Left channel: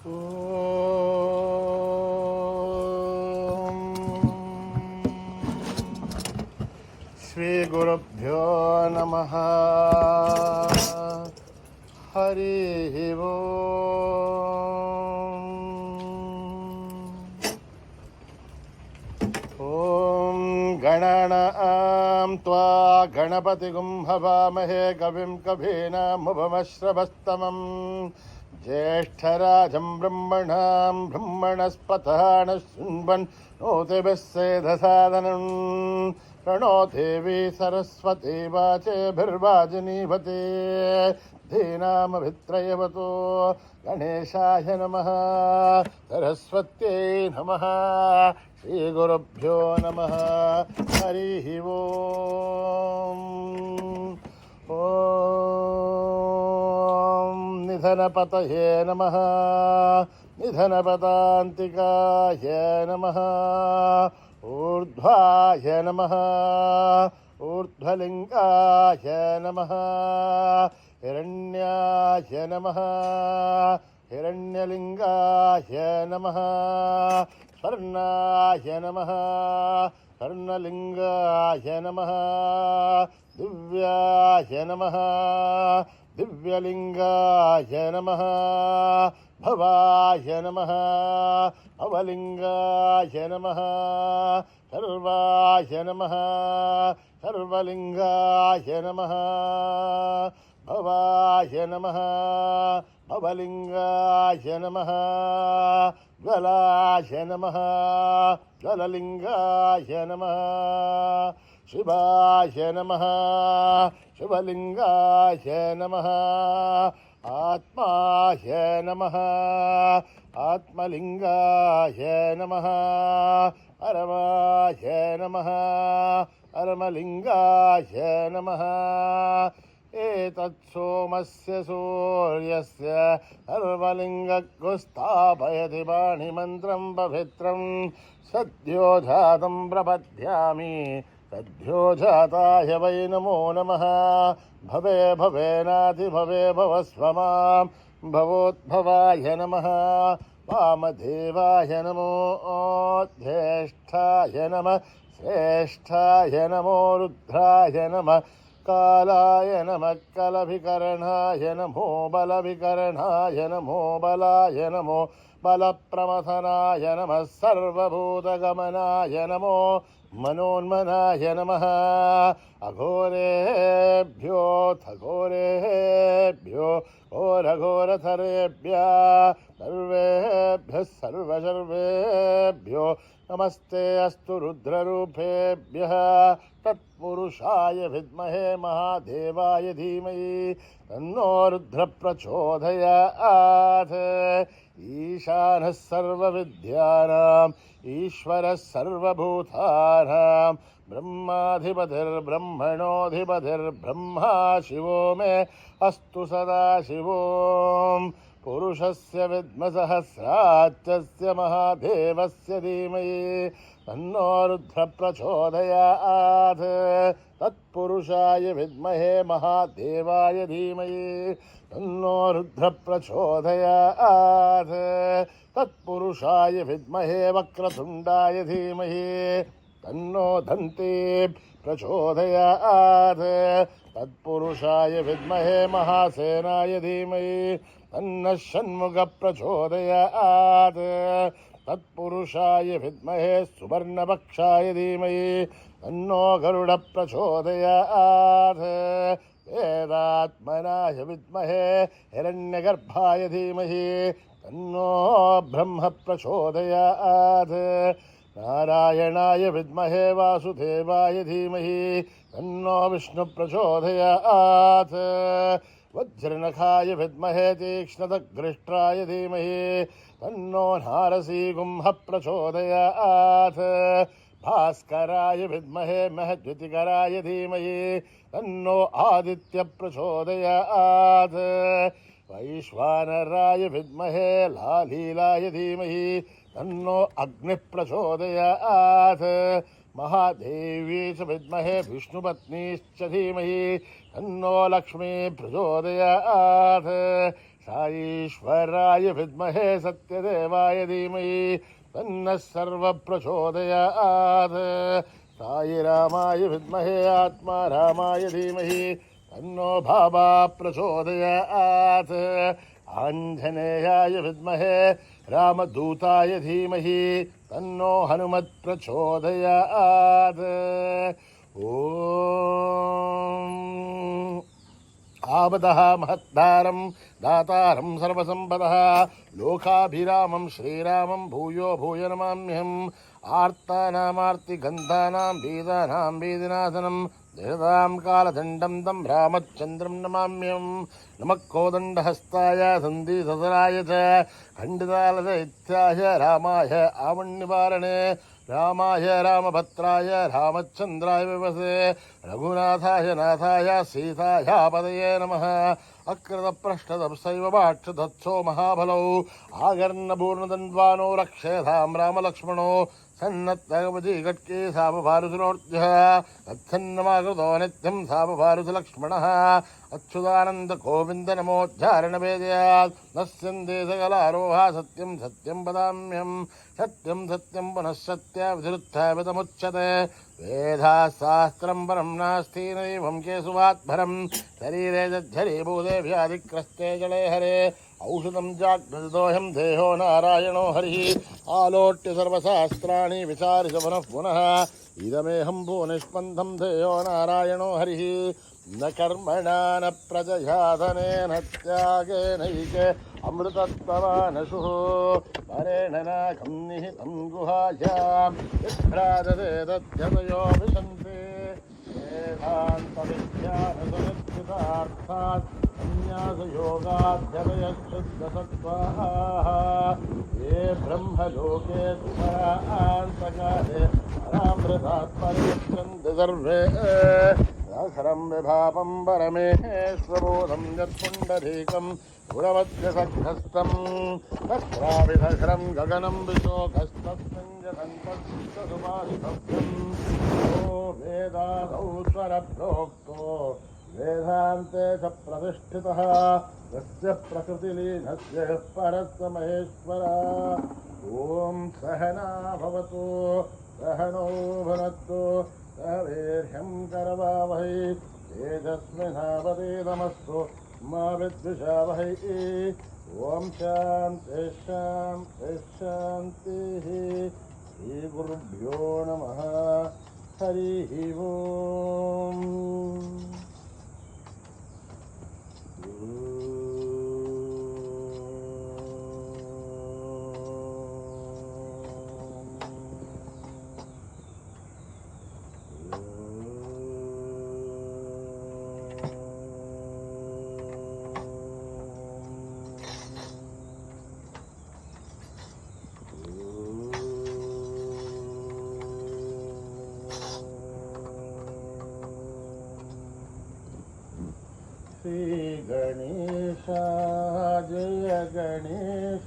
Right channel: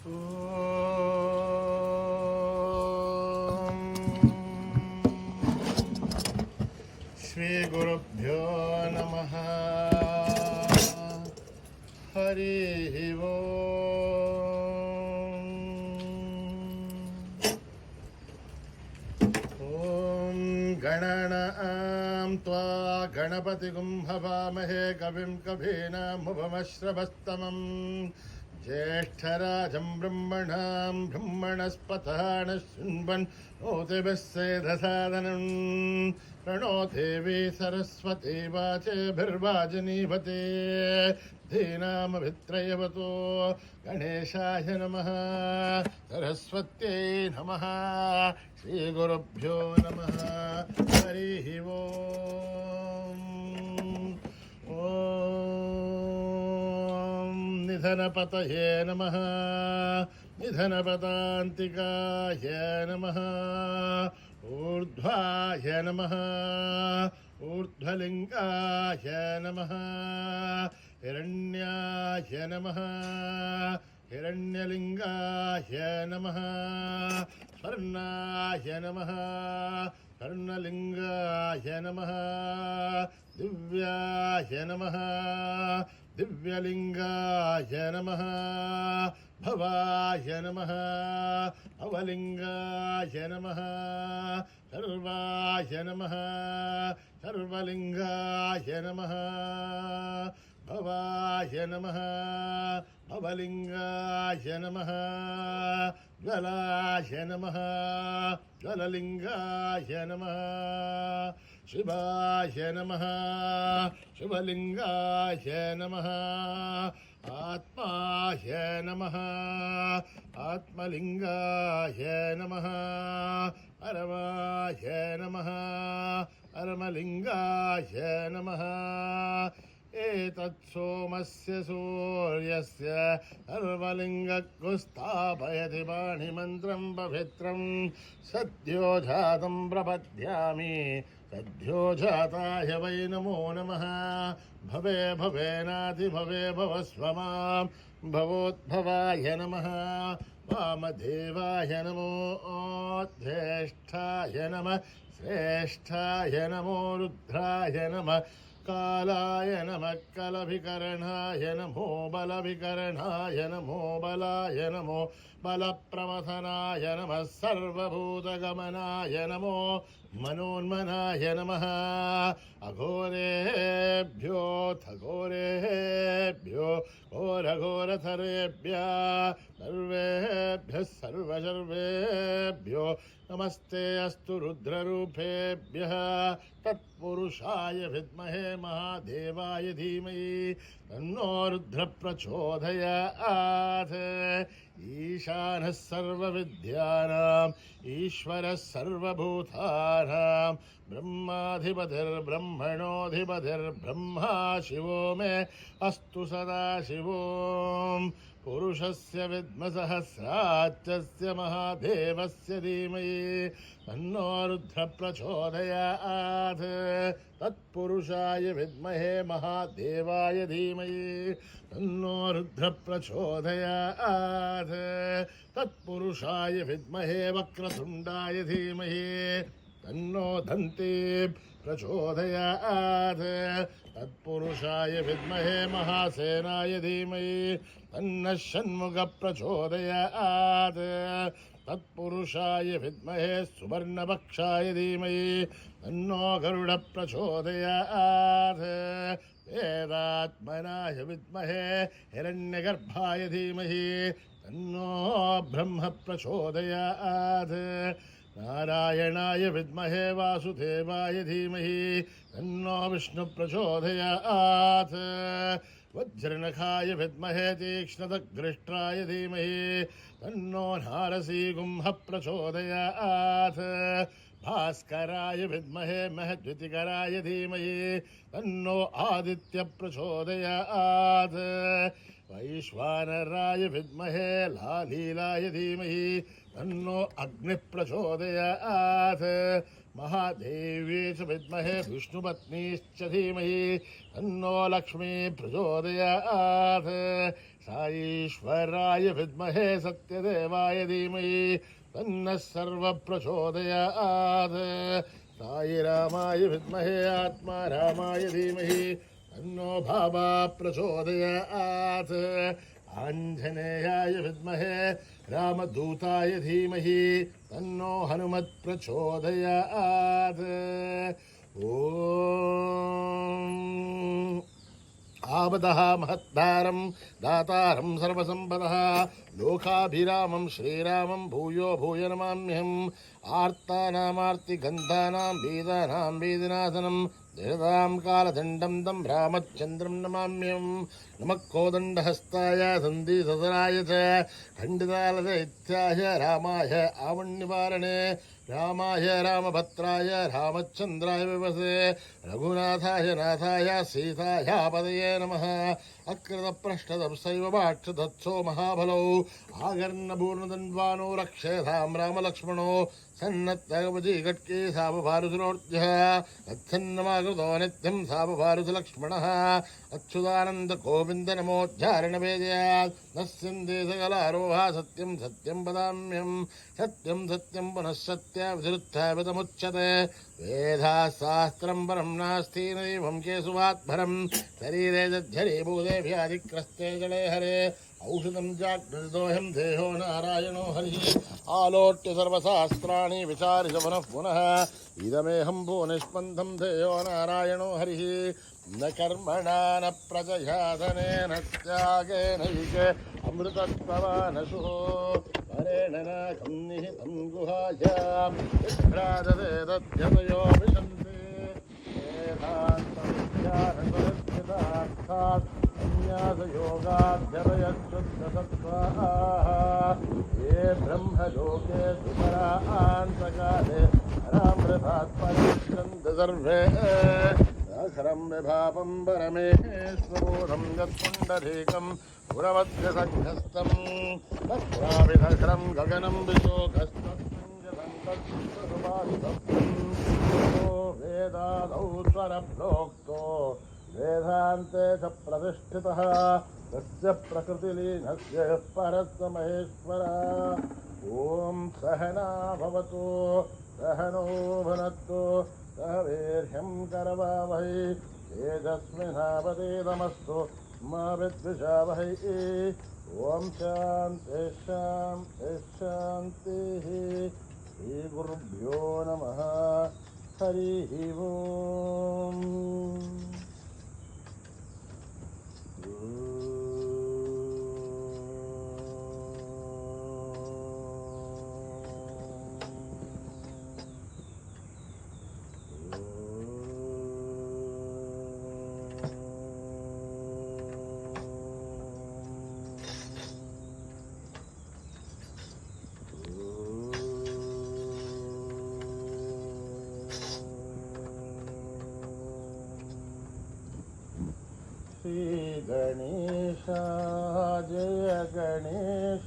శ్రీ గురుభ్యో నమః. హరి ఓం గణానాం త్వా గణపతిగుం హవామహే కవిం కవీనాముపమశ్రవస్తమం జ్యేష్ఠరాజం బ్రహ్మణాం బ్రహ్మణస్పతః శృण्वन् నోతిభిः సేదసాదనం ప్రణో దేవీ సరస్వతీ వాచేభిర్వాజినీవతే ధీనామభిత్రయవతో గణేశాయ నమః సరస్వత్యై నమః. శ్రీగురుభ్యో నమః. హరి ఓం. ఓం నిధనపతయే నమః. నిధనపదాంతికాయ నమః. ఊర్ధ్వాయ నమః. ఊర్ధ్వలింగాయ నమః. హిరణ్యాయ నమః. హిరణ్యలింగాయ నమః. స్వర్ణాయ నమః. స్వర్ణలింగాయ నమః. దివ్యాయ నమః. దివ్యలింగాయ నమః. భవాయ నమః. భవలింగాయ నమః. సర్వాయ నమః. సర్వలింగాయ నమః. భవాయ నమః. భవలింగాయ నమః. జ్వలాయ నమః. జ్వలలింగాయ నమః. శివాయ నమః. శివలింగాయ నమః. ఆత్మాయ నమః. ఆత్మలింగాయ నమః. పరమాయ నమః. పరమలింగాయ నమః. ఏతత్సోమస్య సూర్యస్య సర్వలింగస్థాపయతి పాణిమంత్రం పవిత్రం సద్యో జాతం ప్రపద్యామి. సద్యో జాతాయ వై నమో నమః. భవే భవేనాధిభవే భవస్వ మాం. భవోద్భవాయ నమః. వామదేవాయ నమో. జ్యేష్ఠాయ నమః. శ్రేష్ఠాయ నమో. రుద్రాయ నమః. కాలాయ నమః. కలభికరణాయ నమో. బలభికరణాయ నమో. బలాయ నమో. బలప్రమథనాయ నమః. సర్వభూతగమనాయ నమో. మనోన్మనాయ నమః. అఘోరేభ్యోऽథ ఘోరేభ్యో ఘోరఘోరతరేభ్యः సర్వేభ్యः సర్వసర్వేభ్యో నమస్తే అస్తు. రుద్రరూపేభ్యः తత్పురుషాయ విద్మహే మహాదేవాయ ధీమహి తన్నో రుద్ర ప్రచోదయాత్. ఈశానः సర్వవిద్యానాం ఈశ్వరः సర్వభూతానాం బ్రహ్మాధిపతిర్బ్రహ్మణోధిపతిర్బ్రహ్మా శివో మే అస్తు సదాశివోం. పురుషస్య విద్మ సహస్రాక్షస్య మహాదేవస్య ధీమహి తన్నో రుద్ర ప్రచోదయాత్. తత్పురుషాయ విద్మహే మహాదేవాయ ధీమహి తన్నో రుద్ర ప్రచోదయాత్. తత్పురుషాయ విద్మహే వక్రతుండాయ ధీమహి తన్నో దంతి ప్రచోదయాత్. తత్పురుషాయ విద్మహే మహాసేనాయ ధీమహి తన్నః షణ్ముఖ ప్రచోదయాత్. తత్పురుషాయ విద్మహే సువర్ణపక్షాయ ధీమహి తన్నో గరుడ ప్రచోదయాత్. వేదాత్మనాయ విద్మహే హిరణ్యగర్భాయ ధీమహి తన్నో బ్రహ్మ ప్రచోదయాత్. నారాయణాయ విద్మహే వాసుదేవాయ ధీమహి తన్నో విష్ణు ప్రచోదయాత్. వజ్రనఖాయ విద్మహే తీక్ష్ణదగ్రిష్ట్రాయ ధీమహి తన్నో నారసీగుంహ ప్రచోదయాత్. భాస్కరాయ విద్మహే మహద్వితికరాయ ధీమహి తన్నో ఆదిత్య ప్రచోదయాత్. వైశ్వానరాయ విద్మహే లాలీలాయ ధీమహి తన్నో అగ్ని ప్రచోదయాత్. महादेवी च विद्महे विष्णुपत्नीश्च धीमहि तन्नो लक्ष्मी प्रचोदयात्। సాయీశ్వరాయ విద్మహే సత్యదేవాయ ధీమహి తన్నః సర్వః ప్రచోదయాత్. సాయి రామాయ విద్మహే ఆత్మారామాయ ధీమహి తన్నో భావా ప్రచోదయాత్. ఆంజనేయాయ విద్మహే రామదూతాయ ధీమహి తన్నో హనుమత్ ప్రచోదయాత్. ఓం ఆపదః మహద్దారం దాతారం సర్వసంపదః లోకాభిరామం శ్రీరామం భూయో భూయ నమామ్యహం. ఆర్తానామార్తిగంధానాం బీదానాం బీదినాశనం దిశతాం కాలదండం తం రామచంద్రం నమామ్యహం. నమః కోదండహస్తాయ సంధిసదరాయ చ ఖండితాలదైత్యాయ రామాయ ఆవణ్నివారణే రామాయ రామభద్రాయ రామచంద్రాయ వివసే రఘునాథాయ నాథాయ సీతాయాపదయే నమః. అకృతప్రష్టదప్సైవ వాక్షతత్సో మహాబలౌ ఆగర్ణపూర్ణదన్వానో రక్షేధాం రామలక్ష్మణో సన్నత్తగవజీ గట్కే సామభారుతునోర్జః తచ్చన్నమాకృతో నిత్యం సామభారుతులక్ష్మణः. అచ్యుతానంద గోవింద నమోద్ధారణ వేదయాత్ నశ్యందే సకలారోహ సత్యం సత్యం వదామ్యం. సత్యం సత్యం పునః సత్య విధురుత్థాపితముచ్యతే. వేదాశాస్త్రం పరం నాస్తి నైవం కేశవాత్భరం. శరీరే జర్జరీభూతే వ్యాధిగ్రస్తే జలే హరే. ఔషధం జాగ్రత్తోహం దేహో నారాయణో హరి. ఆలోట్య సర్వశాస్త్రాణి విచారిత పునః పునః ఇదమేహం భూనిష్పందం దేహో నారాయణో హరి. న కర్మణా న ప్రజయా ధనేన త్యాగేనైకే అమృతత్వవానశుః. పరేణ నాకం నిహితం గుహాయాం విభ్రాజతే తద్యతయో విశంతే. వేదాంతవిజ్ఞానసముద్భుతార్థాత్ సన్యాసయోగాధ్యతయశుద్ధసత్వాః. ఏ బ్రహ్మలోకే సుపరాంతకాలే పరామృతాత్ పరిముచ్యంతే సర్వే. అఖరం విభాపం పరమేశ్వరోధం యత్పుండరీకం గుణవద్యసగ్ధస్థం తత్రావిధరం గగనం విశోకస్తస్మింజదంతసుబాధితత్వం. వేదాదౌ స్వరప్రోక్తో వేదాంతే చ ప్రతిష్ఠితః తస్య ప్రకృతిలీనస్య పరస్య మహేశ్వరः. ఓం సహనా భవతు సహనో భునక్తు సహ వీర్యం కరవావహై తేజస్వినావధీతమస్తు మా విద్విషావహై. ఓం శాంతి శాంతి శాంతి. శ్రీ గురుభ్యో నమః. హరి ఓం. శ్రీ గణేశ జయ గణేశ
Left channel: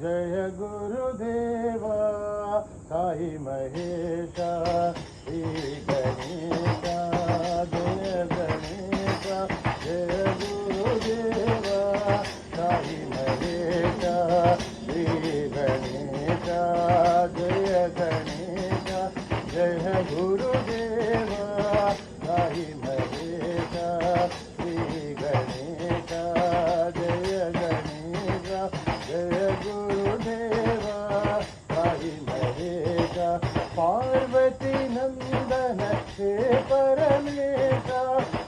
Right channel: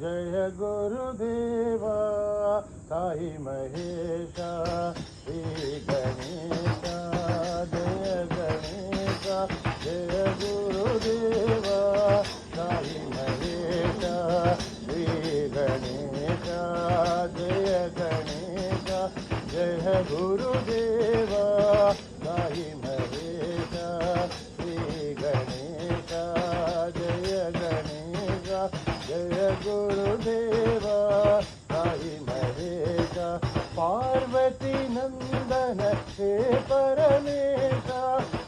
జయ గురుదేవ సాయి మహేశ. శ్రీ గణేశ జయ గణేశ జయ గురుదేవ సాయి మహేశ. శ్రీ గణేశ జయ గణేశ జయ గురుదేవ సాయి మహేశ. శ్రీ గణేశ జయ గణేశ జయ గురుదేవ సాయి మహేశ. పార్వతీ నందన హే పరమేశ.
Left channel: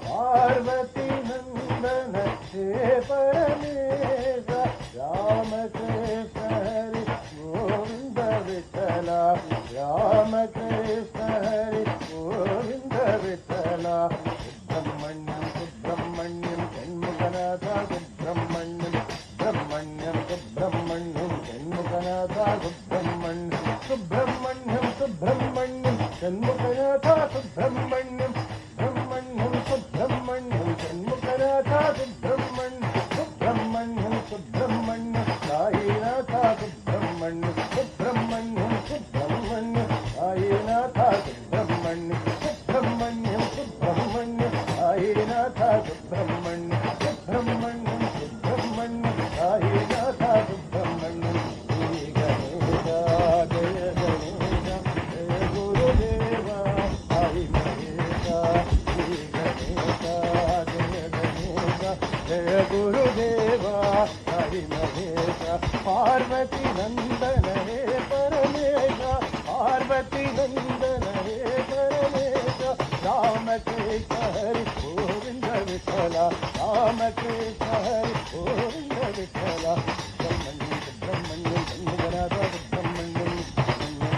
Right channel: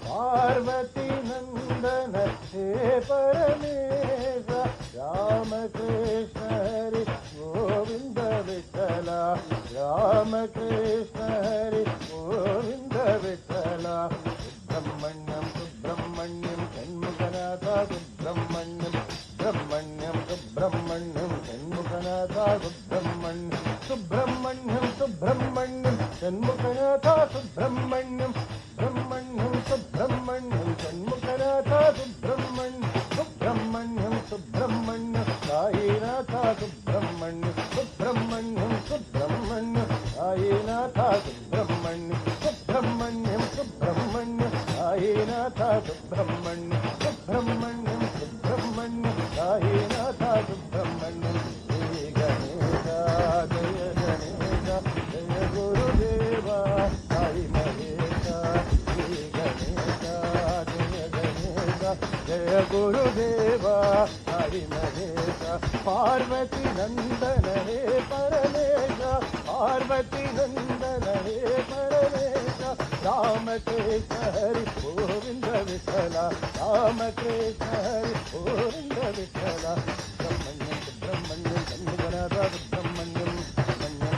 పార్వతీ నందన హే పరమేశ. రామకృష్ణ హరి గోవింద విఠల. రామకృష్ణ హరి గోవింద విఠల. సుబ్రహ్మణ్యం సుబ్రహ్మణ్యం షణ్ముఖనాథ. సుబ్రహ్మణ్యం సుబ్రహ్మణ్యం సుబ్రహ్మణ్యం షణ్ముఖనాథ. జయ గురుదేవ హరి మహేశ పార్వతి నందన హే పరమేశ పార్వతి నందన హే పరమేశ రామకృష్ణ హరి గోవింద విఠల రామకృష్ణ హరి గోవింద విఠల సుబ్రహ్మణ్యం సుబ్రహ్మణ్యం సన్నిధనాథ సుబ్రహ్మణ్యం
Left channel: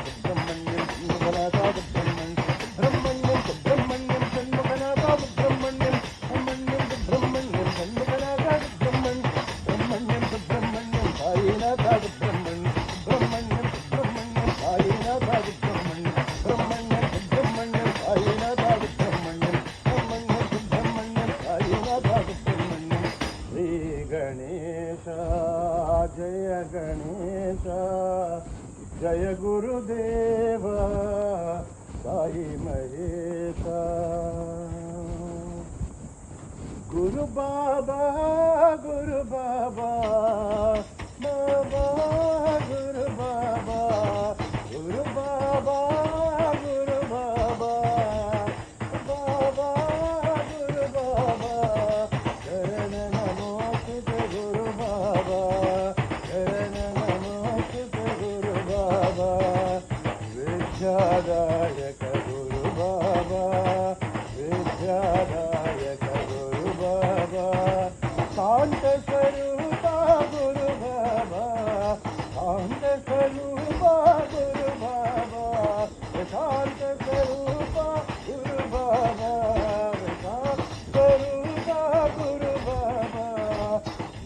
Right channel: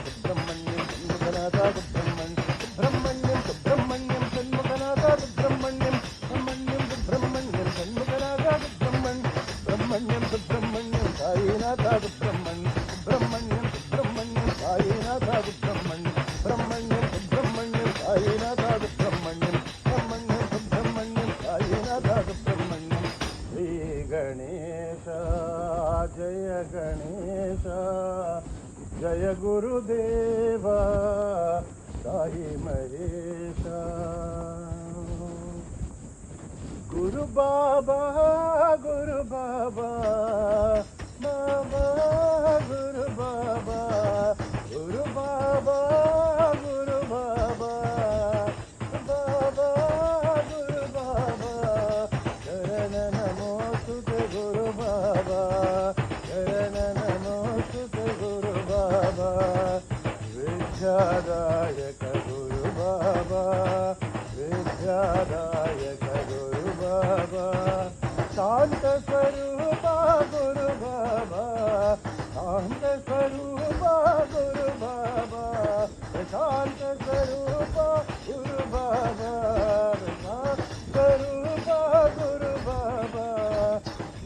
సుబ్రహ్మణ్యం సన్నిధనాథ సుబ్రహ్మణ్యం సుబ్రహ్మణ్యం సన్నిధనాథ సుబ్రహ్మణ్యం సుబ్రహ్మణ్యం సన్నిధనాథ సుబ్రహ్మణ్యం సుబ్రహ్మణ్యం సాయినాథ సుబ్రహ్మణ్యం సుబ్రహ్మణ్యం సుబ్రహ్మణ్యం సాయినాథ సుబ్రహ్మణ్యం సుబ్రహ్మణ్యం సుబ్రహ్మణ్యం సాయినాథ సుబ్రహ్మణ్యం సుబ్రహ్మణ్యం సుబ్రహ్మణ్యం సాయినాథ సుబ్రహ్మణ్యం శ్రీ గణేశ జయ గణేశ జయ గురుదేవ సాయి మహేశ గురు బాబా గురు బాబా బాబా గురు బాబా గురు బాబా గురు బాబా బాబా గురు బాబా చరణ నమోస్తుతే గురు బాబా చరణ నమోస్తుతే గురు బాబా విద్యాదాయక గురు బాబా విద్యాదాయక గురు బాబా శాంత స్వరూప గురు బాబా శాంత స్వరూప గురు బాబా శాంత స్వరూప గురు బాబా స్వరూప గురు బాబా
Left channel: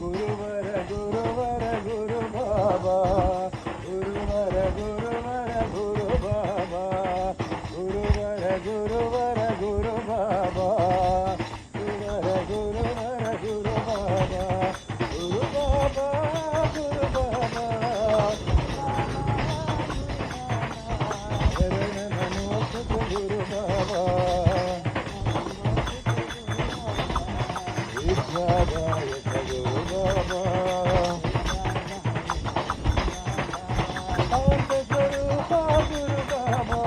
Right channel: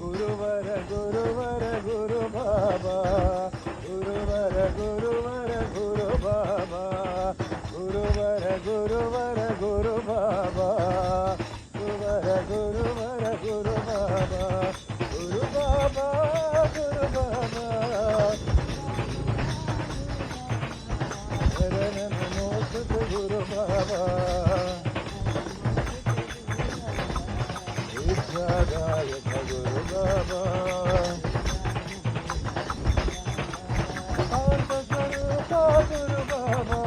గురువర గురువర గురు బాబా గురువర గురువర గురు బాబా గురువర గురువర గురు బాబా గురువర గురువర గురు బాబా గురు బాబా గురు బాబా శరణ నమోస్తుతే గురు బాబా విద్యాదాయక గురు బాబా శాంత స్వరూప గురు బాబా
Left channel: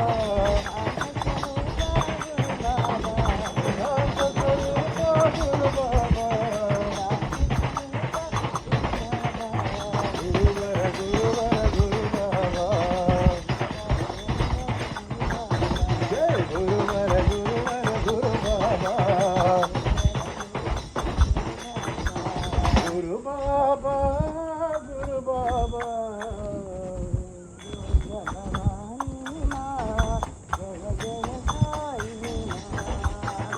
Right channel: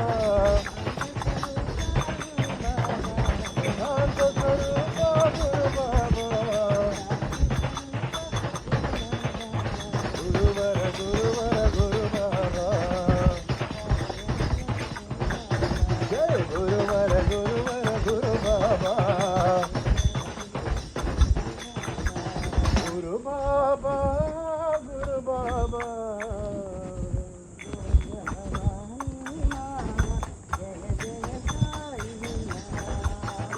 శాంత స్వరూప గురు బాబా గురువర గురువర గురు బాబా జయ గురువర గురువర గురు బాబా గురు బాబా గురు బాబా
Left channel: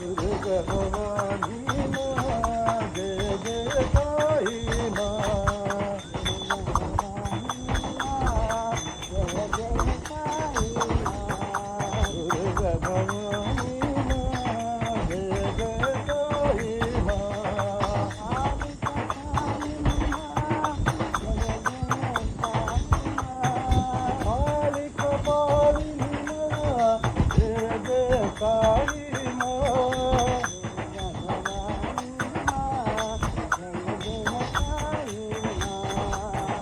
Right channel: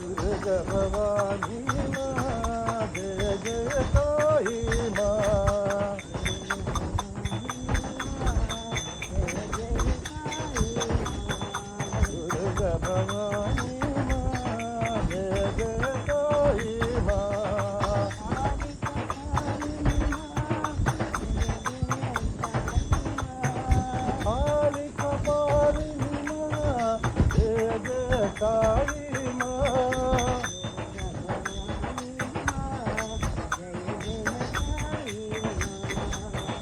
గురు భవానీ జయ జయ సాయి మా గురు భవానీ జయ జయ సాయి మా కాళిక పాలిని జయ జయ సాయి మా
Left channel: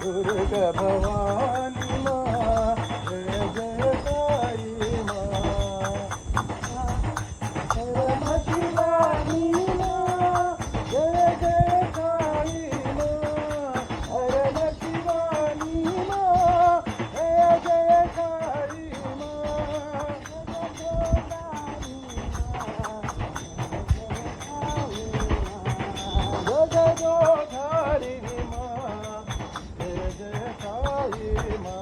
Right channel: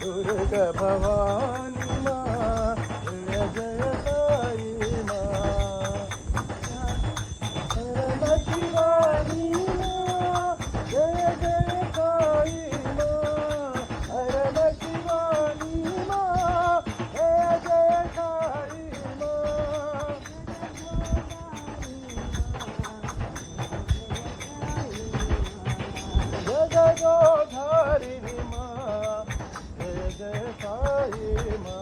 దుర్గ భవాని మా జయ జయ సాయి మా పరమ శివాని మా జయ జయ సాయి మా పరమ శివాని మా జయ జయ సాయి మా జగదోధారిణి మా జయ జయ సాయి మా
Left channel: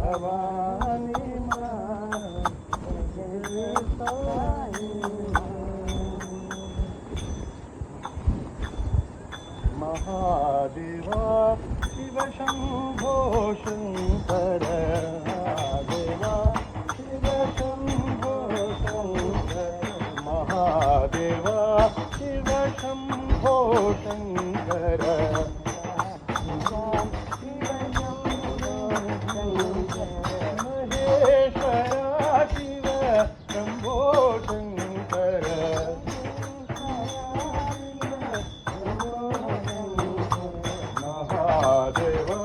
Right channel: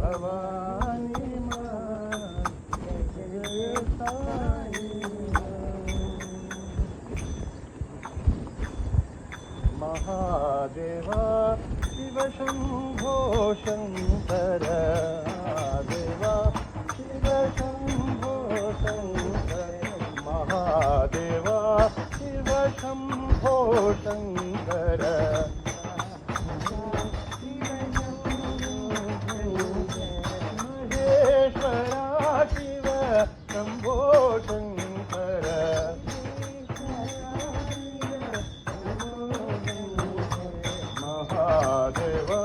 भवानी माँ महादेवा शिव शंभो शंकर महादेवा शिव शंभो शंकर महादेवा शिव शंभो शंकर महेश्वरा शिव शंभो शंकर महादेवा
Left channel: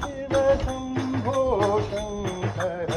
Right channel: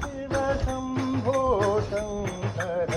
शिव शंभो शंकर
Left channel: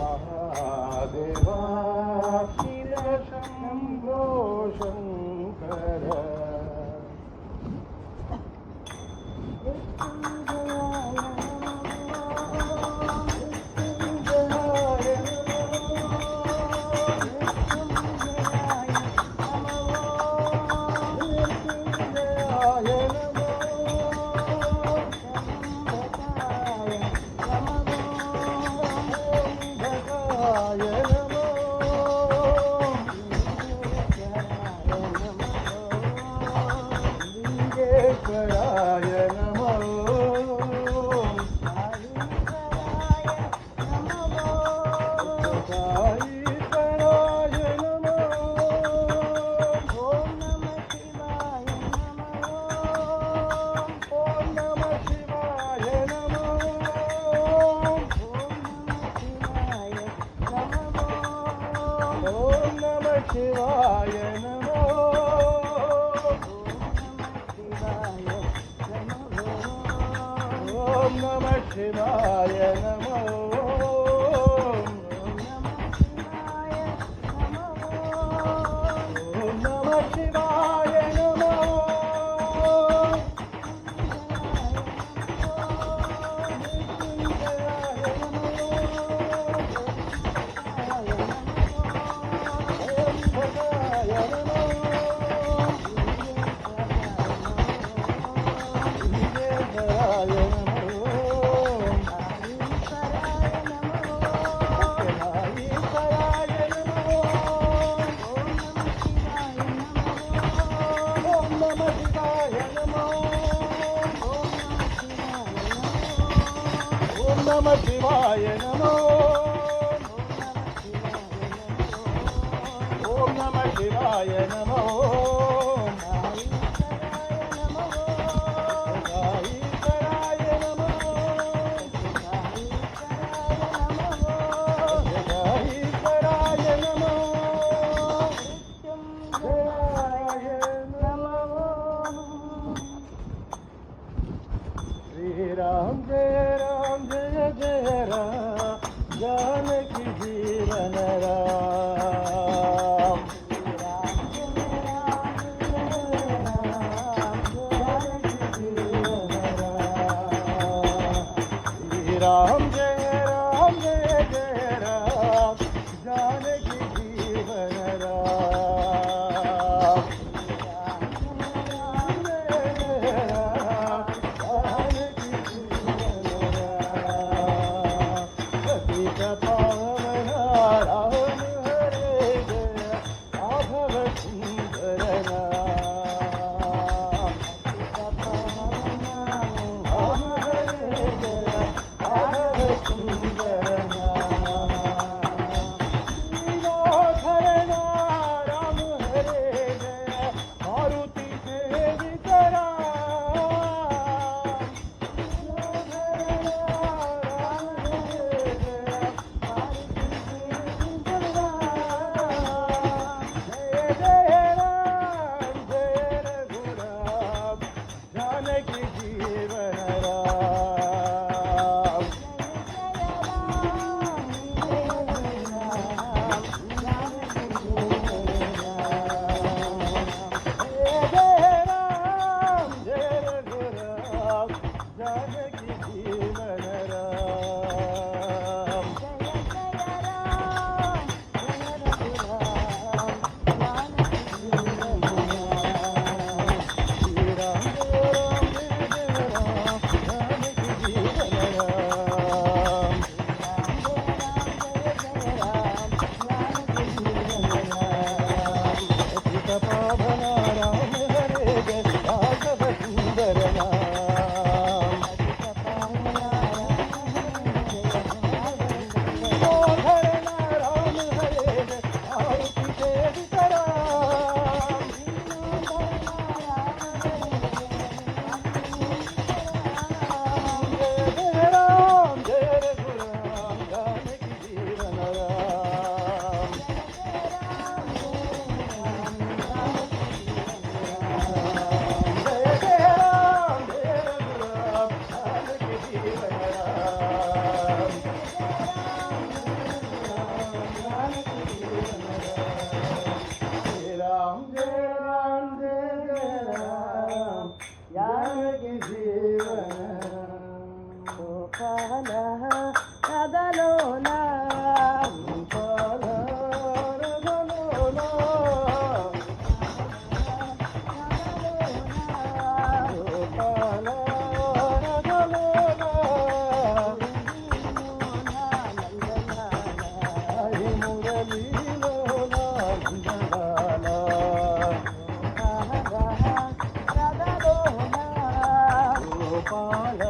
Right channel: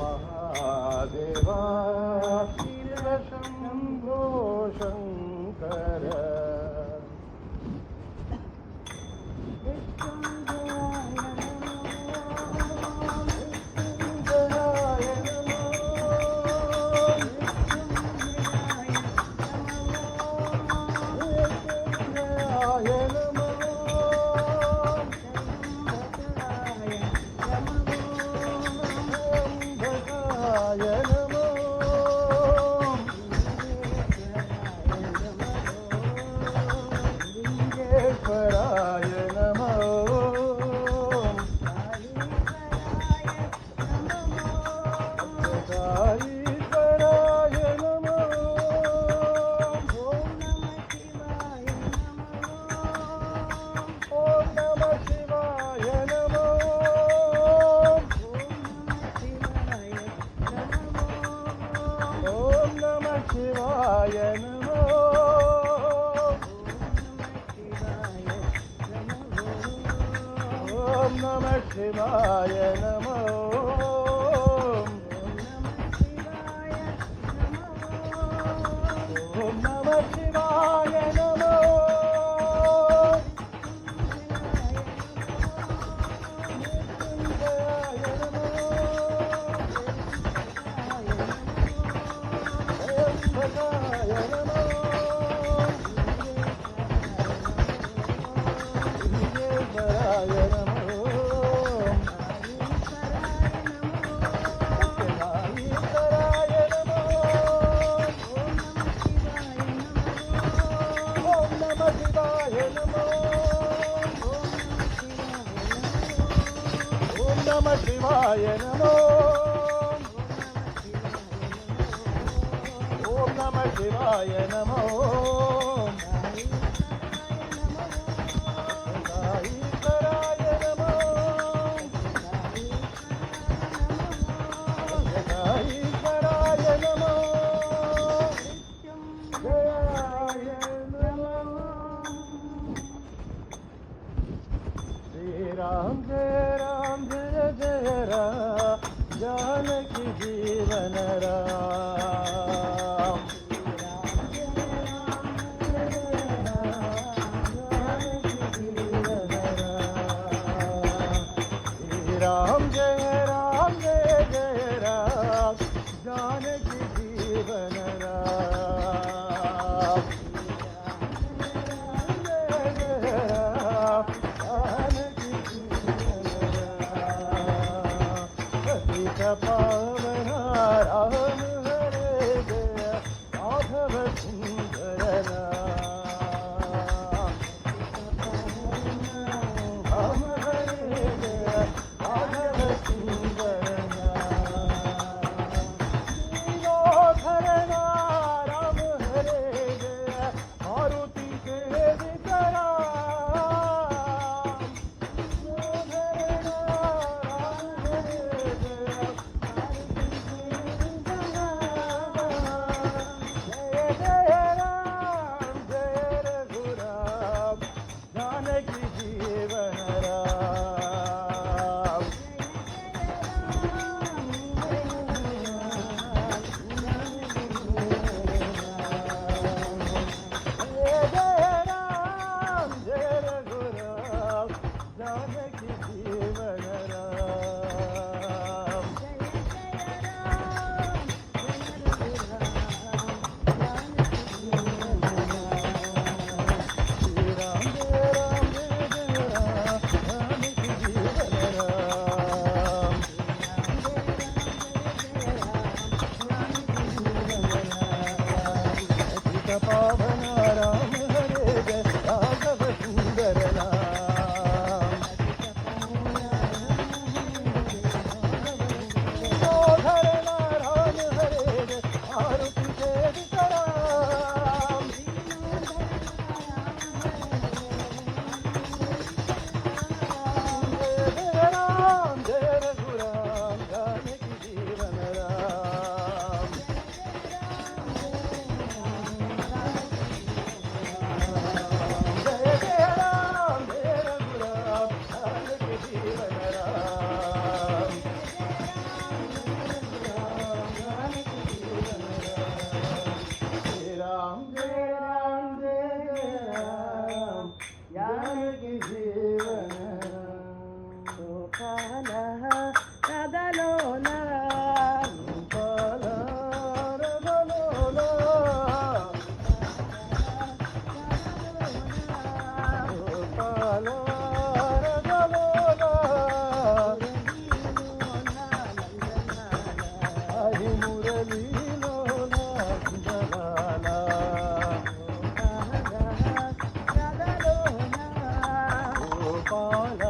महादेवा शिव शंभो शंकर शिवाय नमो ओम नमः शिवाय नमो ओम नमः शिवाय नमो नमः शिवाय नमो ओम नमः शिवाय नमो गाईकराय नमो गाईकराय नमो जयाय नमो श्री राम जय राम जय जय राम पावन राम हरे जय माधव सुंदर राम हरे जय माधव सुंदर श्रीनाथर राम हरे जय मारुति के वितरा जानकी जीवन राम जय राम जय रघुराम जानकी जीवन राम श्री राम जय राम जय राम जानकी जीवन राम पतित पावन राम हरे जय माधव सुंदर नाम श्रीनाथर राम हरे जय मारुति के वितराम जय राम जय रघुराम जानकी जीवन राम जय जय राम जय रघुराम जानकी जीवन राम जय राम जय राम जय जय राम जानकी जीवन గోపాల కదలోలా గోపాల రఘులోలా గోపాల రఘులోలా హరి మురళీలోలా నందలాల గోపాల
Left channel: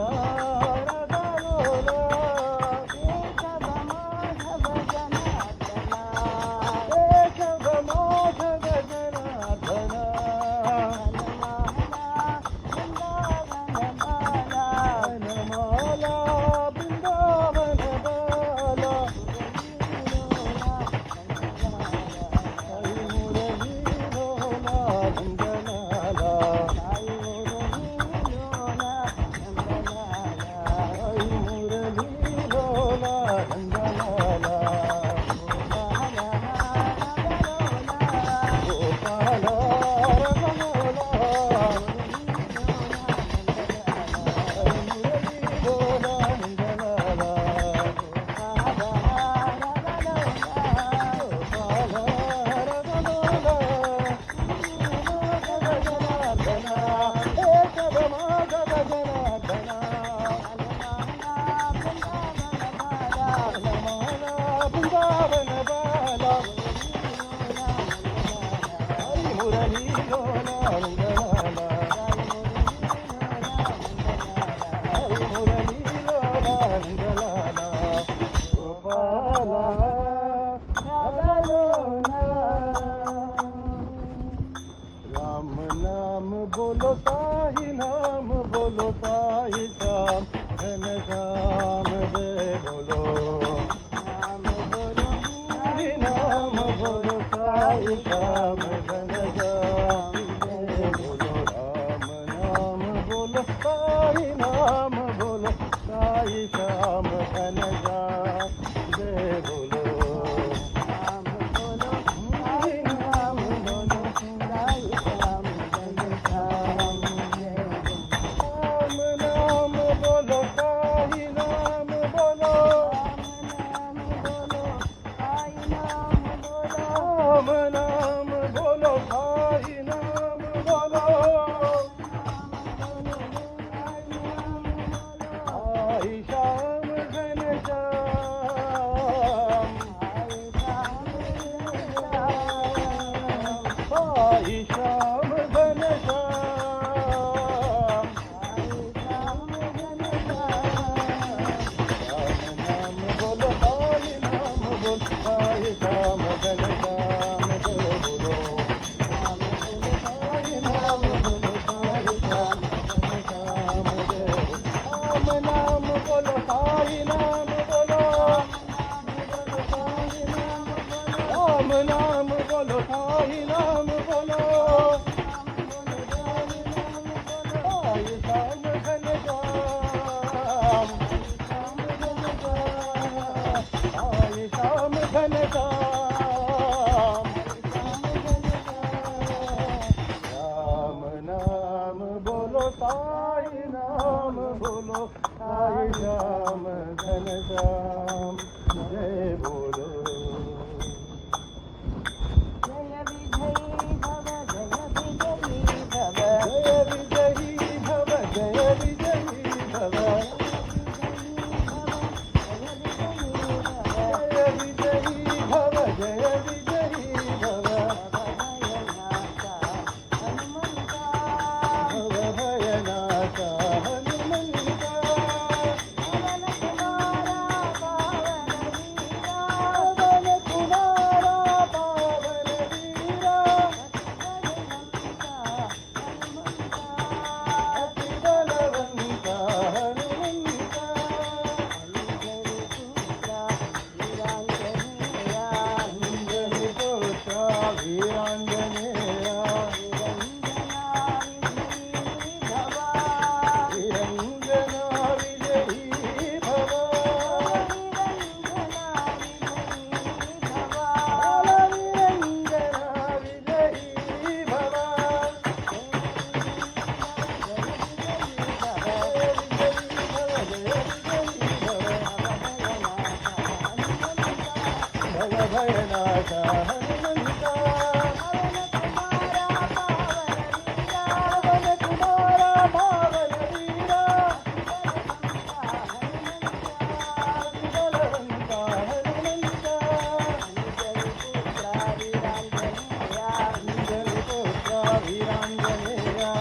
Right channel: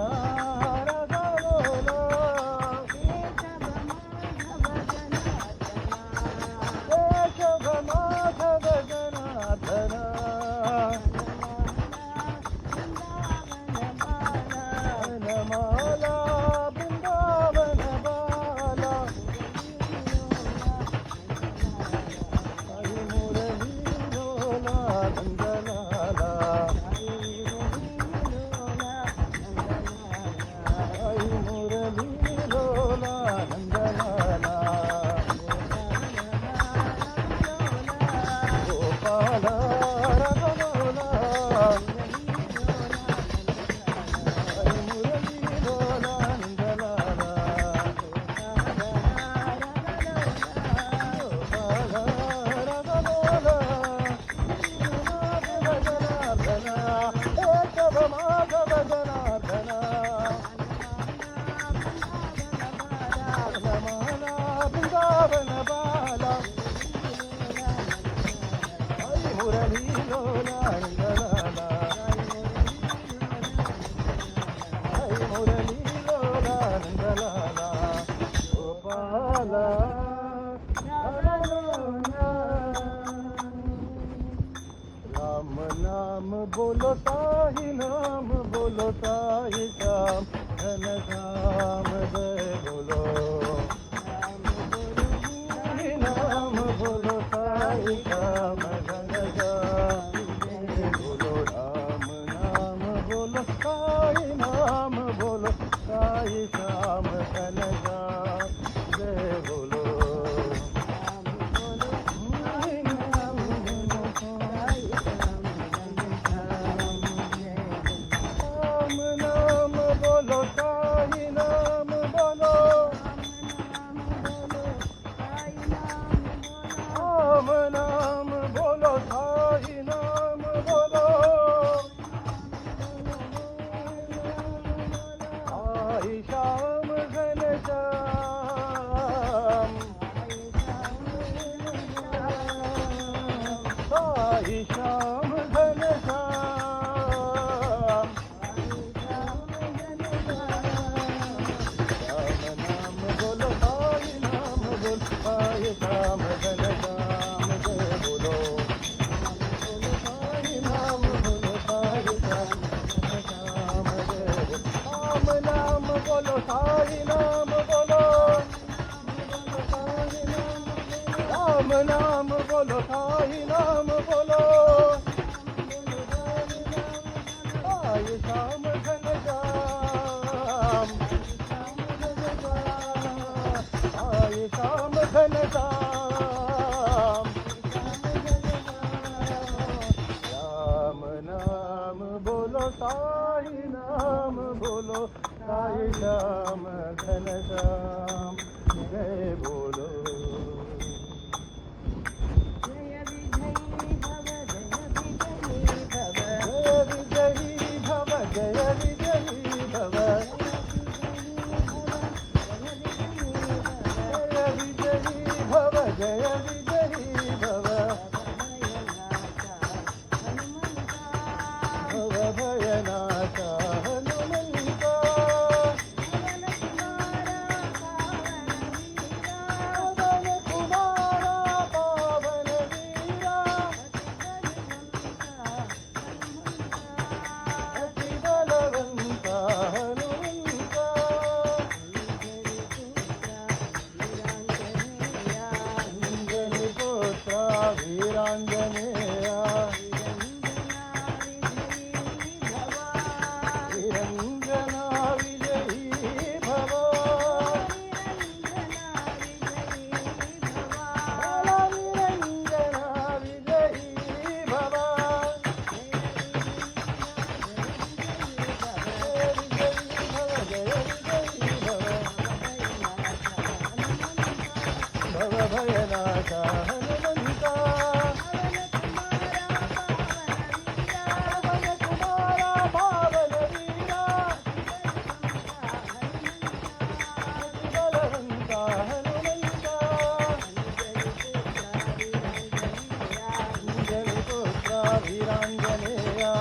రఘులోలా साई नाम बोलो, राम नाम बोलो, साई नाम बोलो, साई श्याम घनश्याम, साई श्याम घनश्याम, राम नाम बोलो, साई नाम बोलो, साई श्याम घनश्याम, जय बोलो। जय विजयी भव, जय विजयी भव, जय विजयी भव, जय विजयी भव, जय विजयी भव, जय विजयी भव, भव भयनाथा हनुमंता, पवन कुमारा पावन वीरा, अति बलवंता हनुमंता, अंजनी पुत्र वीरांजनेया, निरंजना विजयी भव, निरंजना विजयी भव, भव भयनाथा हनुमंता, पवन कुमारा पावन वीरा, अति बलवंता हनुमंता, अंजनी पुत्र वीरांजनेया,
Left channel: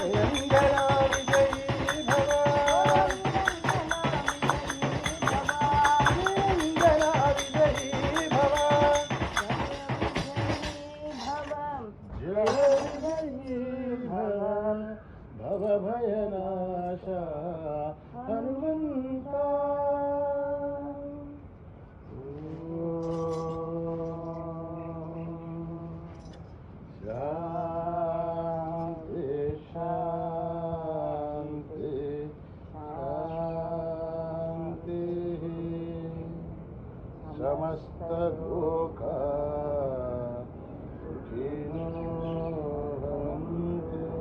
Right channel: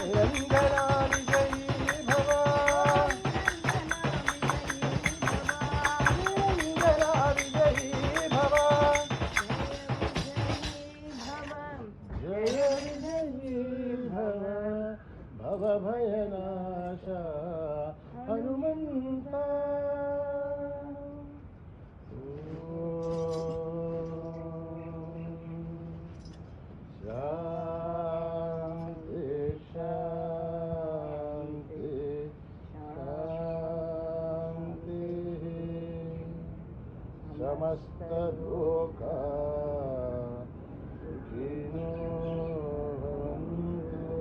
निरंजना विजयी भव, निरंजना विजयी भव, जय विजयी भव, भव भयनाशा हनुमंता। शांति शांति शांति, समस्त लोका सुखिनो भवन्तु,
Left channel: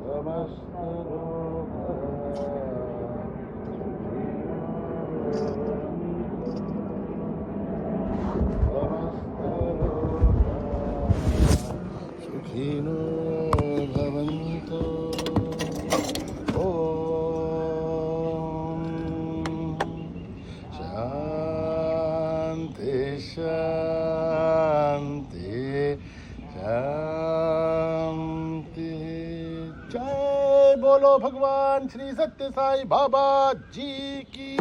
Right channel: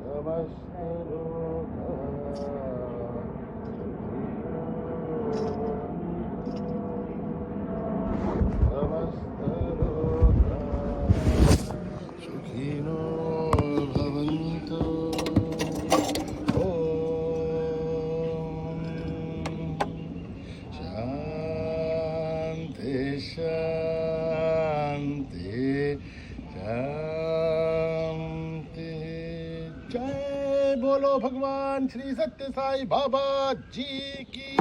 समस्त लोका सुखिनो भवन्तु। शांति शांति शांति। जय बोलो भगवान श्री सत्य साई बाबा जी की।